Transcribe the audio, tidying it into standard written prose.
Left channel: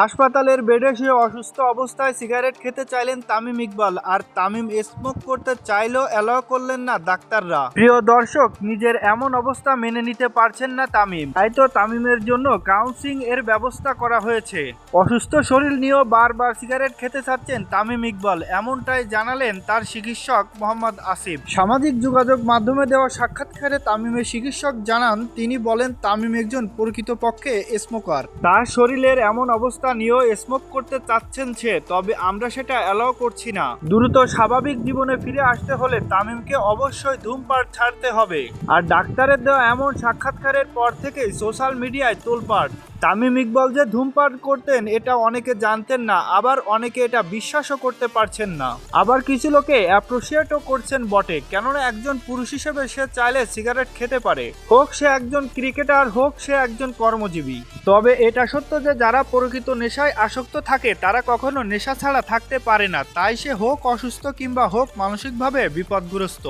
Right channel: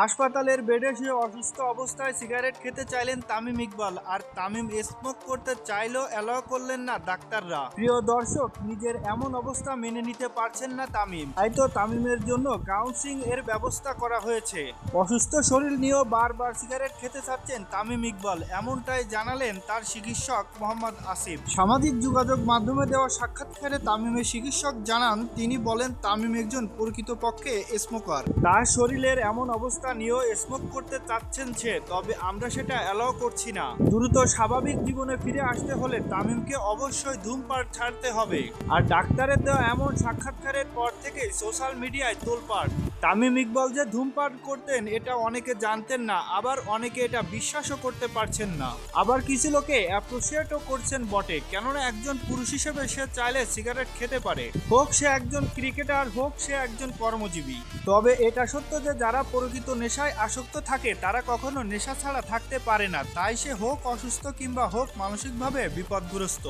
হাসপাতালের বেডে শুয়ে অসুস্থ অবস্থায় সিগারেট খেতে চাইলেন তামিম ইকবাল, আর তামিম স্মোক করতে চাইলেও অ্যালাউ করলেন না ডাক্তাররা। প্রিয় দর্শক, নিজের এমন অবস্থা মেনে নিতে পারছেন না তামিম, তাই তো তামিমের জন্য কাউন্সিলিং এর ব্যবস্থা করা হয়েছে। অসুস্থ শরীর নিয়েও বারবার সিগারেট খেতে চাচ্ছেন তামিম ইকবাল, এমনটাই জানালেন তার চিকিৎসক মোহাম্মদ আসিফ। সামাজিক যোগাযোগ মাধ্যমে দেওয়া সাক্ষাৎকারে তামিমের চিকিৎসক জানান, তিনি বলেন তামিম একজন প্রকৃতপক্ষে স্মোকার। তার শরীরের এমন অবস্থা নিয়েও স্মোক করতে চাচ্ছেন সে, তবে আমরা সেটা অ্যালাউ করছি না। দ্রুত স্বাভাবিক জীবনে ফিরে আসতে হলে তামিমকে অবশ্যই ধূমপান ছাড়তে হবে। আর ডাক্তারের দেওয়া এমন সাক্ষাৎকারের পর থেকেই সোশ্যাল মিডিয়ায় তোলপাড়। তামিম ইকবাল যে ধূমপান করতেন এটা অনেকে জানতেন না, আবার অনেকে এটা বিশ্বাসও করতে পারছেন না। আবার কিছু লোকে অ্যাপ্রিসিয়েটও করছেন বটে, কেননা একজন পুরুষ হিসেবে সে চাইলে সিগারেট খেতে পারে, হোক সে একজন ক্রিকেটার, হোক সে একজন কর্মজীবী। তবে এটা সত্য যে যারা প্রকৃত নেশায় আসক্ত থাকে তারা কখনো নেশা ছাড়া থাকতে পারে না, তাই সে হোক অসুস্থ কিংবা হোক মানসিকভাবে বিপদগ্রস্ত।